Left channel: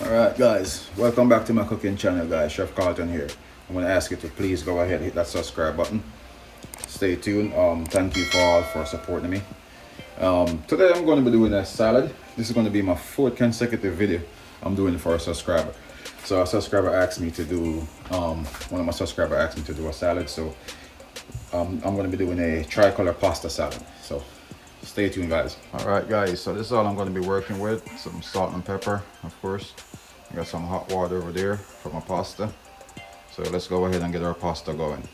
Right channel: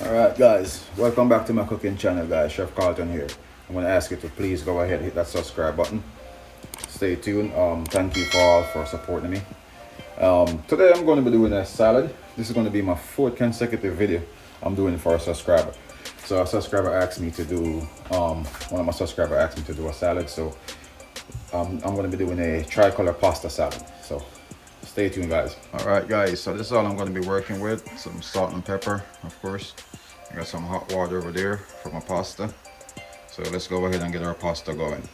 Alright guys, welcome back to my cooking channel guys. Chef Carlton here. I'm going to ask you to please go ahead and hit that subscribe button. Stay tuned. Thank you for all for supporting me. Today I'm going to be doing a salad. This is going to be my fourth consecutive video I'm doing for a subscriber. So a subscriber asked me to do, one of my subscribers asked me to do a salad. So I'm going to be doing a tricolor pasta salad. So stay tuned guys. Alright guys, so this is all I'm going to be working with. Some salt and pepper, of course. I got some hot water over there for my pasta. So let's go ahead and get our pasta going.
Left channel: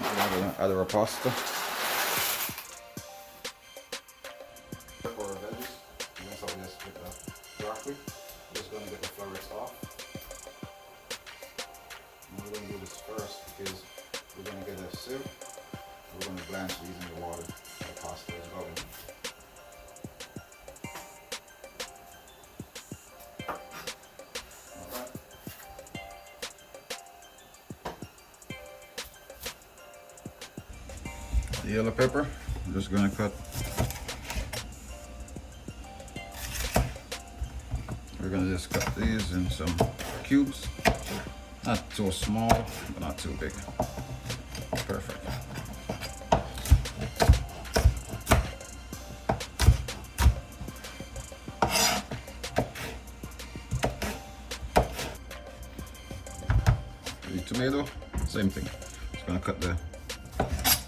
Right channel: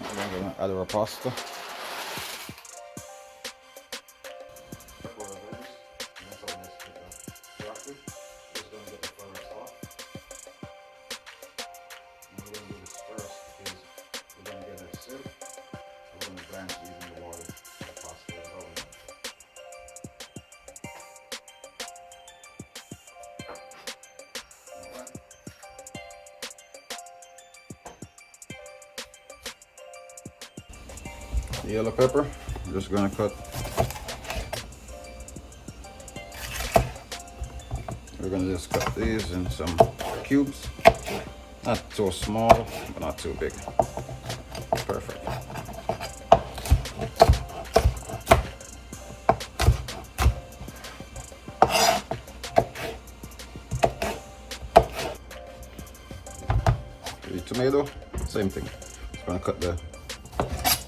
I'm going to add our pasta. For our veggies, and that's how we just pick the broccoli. We're just going to get the florets off. And we're going to do this first because we're going to get a sieve. We're going to blanch these in the water. The pasta is going. The yellow pepper, I'm just gonna cut. We're gonna just cut these in some cubes. Not so small, but not too big. Perfect. The tomato, same thing. Just gonna cut the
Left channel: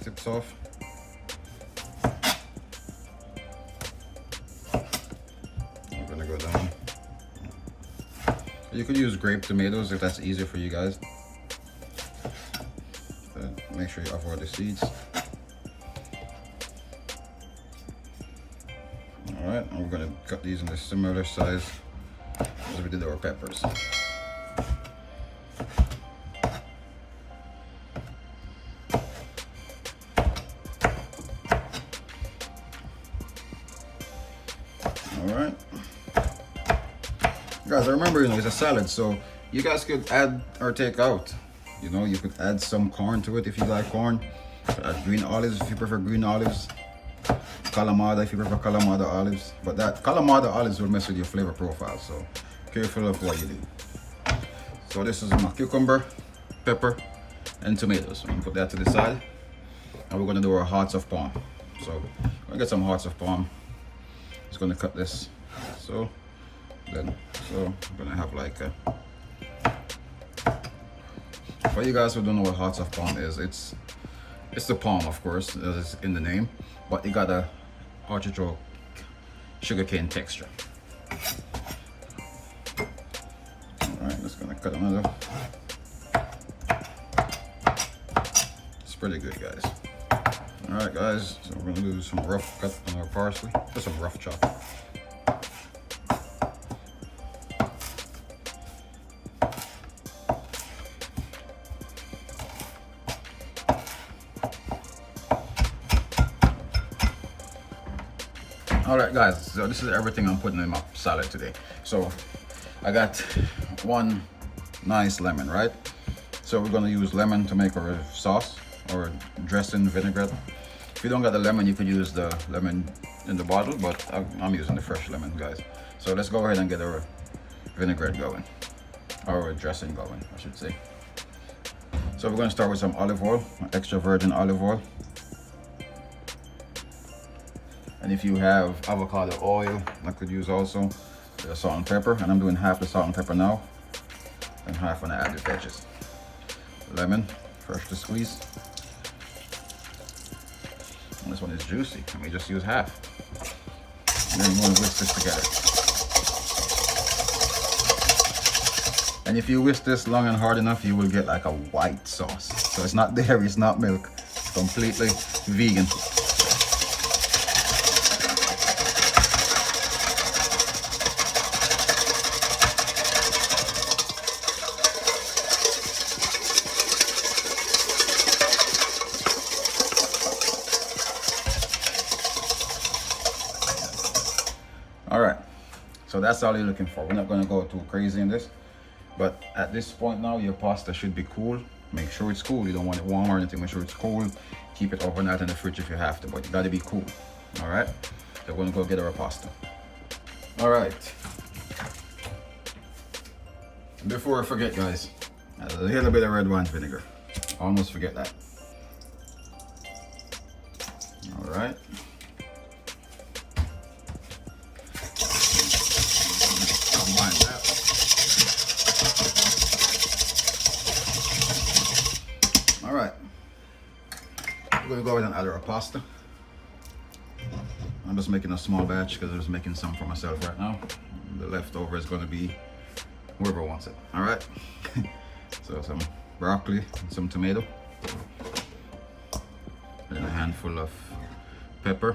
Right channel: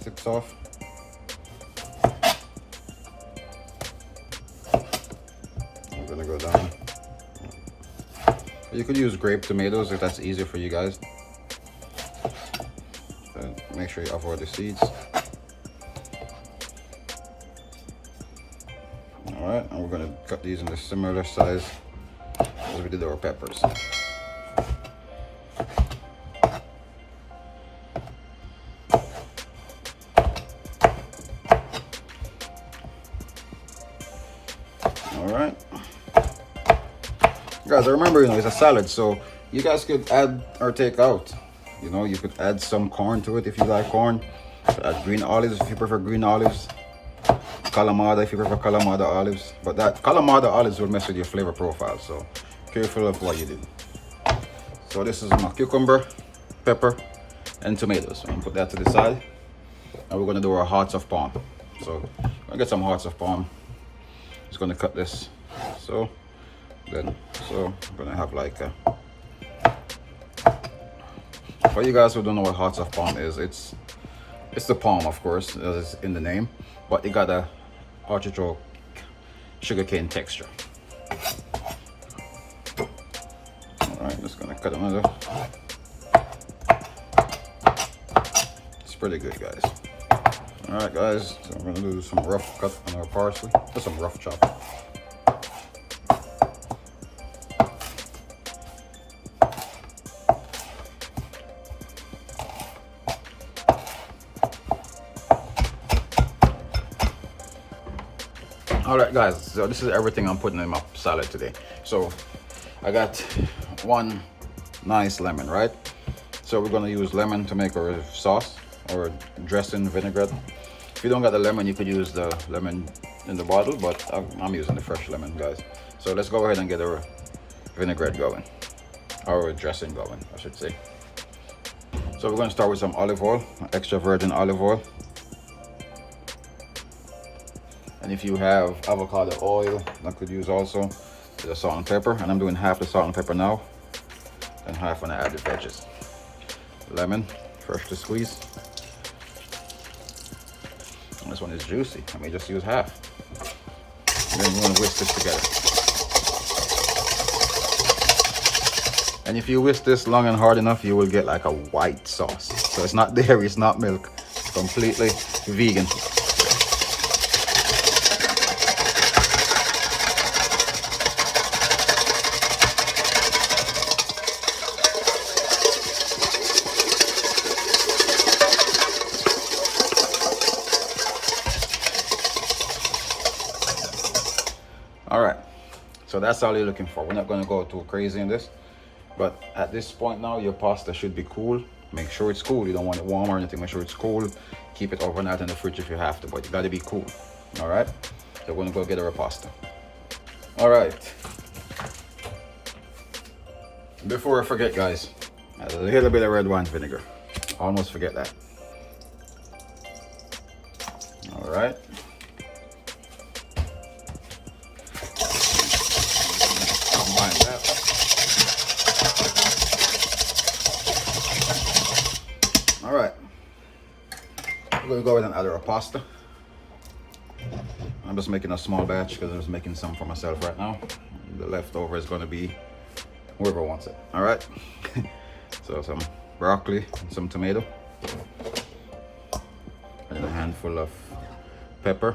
tips off. I'm gonna go down. You could use grape tomatoes if that's easier for you guys. But make sure you avoid the seeds. Alright, and we're gonna cut these in a similar size as we did our peppers. Alright. Guys, remember, it's a salad, so you guys could add or take out. You could add some corn to it if you like corn. You could add green olives if you prefer green olives. Kalamata if you prefer Kalamata olives. But that Kalamata olives will mess with your flavor profile, so careful of what you do. So this is my cucumber, pepper, and tomatoes. So I'm gonna put that to the side. And we're gonna do our hearts of palm. So I'm gonna get some hearts of palm. Just gonna cut this so I'm gonna have like a, for you guys who don't know what hearts of palm is, it's the palm, of course, as in the name, but it got a artichoke sugarcane texture. All right, just gonna cut another. It's pretty good, guys. All right, guys, so we're gonna do some rough cut on our parsley, just some rough chop. All right, guys, so this is everything I'm putting in my salad today. So I got one nice lemon, right? So we're gonna use lemon to make our sauce or dressing, vinaigrette. If you don't got the lemon, you could use the lemon in the bottle, but I'm using the fresh lemon, guys. So let's go ahead and get our vinaigrette going, or dressing going, I should say. So we're gonna start with some olive oil, extra virgin olive oil. And if you have avocado oil, I could use also the salt and pepper. And I'm doing half the salt and pepper now, and half when I add the veggies. Lemon, fresh to squeeze. And this one is juicy. I may just use half. And then you want to whisk this together. And if you whisk this long and hard enough, you will get like a white sauce. So it's not dairy, it's not milk. It's completely vegan. All right, so that's all you're looking for. We're not going to go too crazy in this, but at this point now, your pasta should be cool. Make sure it's cool. You don't want it warm or anything. Make sure it's cool. Keep it overnight in the fridge if you have to, but you got to be cool. All right, so we're going to go get our pasta. All right. Before I forget, guys, a little bit of red wine vinegar. Almost forget that. All right. Combine that. All right. We're going to go ahead and add our pasta. I'm just making a small batch because I'm just making some for myself right now. The leftover is going to be whoever wants it. All right. So some broccoli, some tomato, and a handful of pepper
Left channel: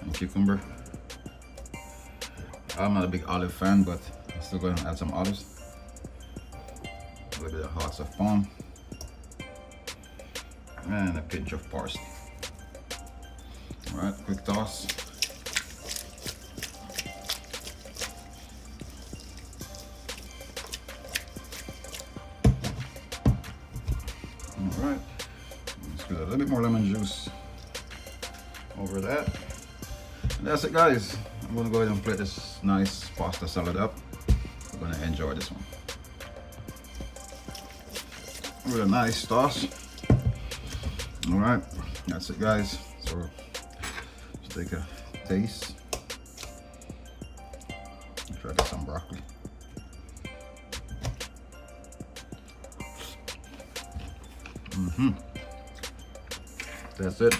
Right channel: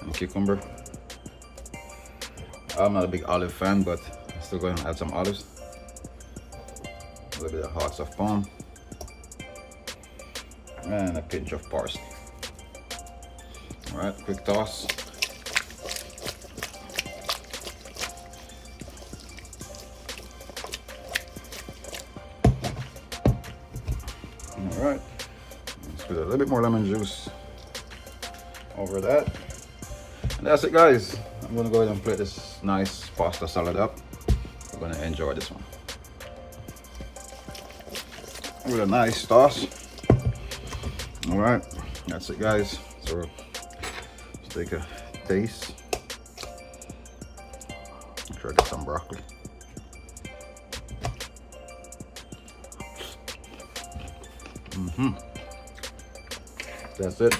and cucumber. I'm not a big olive fan, but I'm still going to add some olives. A little bit of hearts of palm and a pinch of parsley. All right, quick toss. All right, let's put a little bit more lemon juice over that. And that's it, guys. I'm gonna go ahead and plate this nice pasta salad up. We're gonna enjoy this one. With a nice toss. All right, that's it, guys. So let's take a taste. Try to get some broccoli. That's it.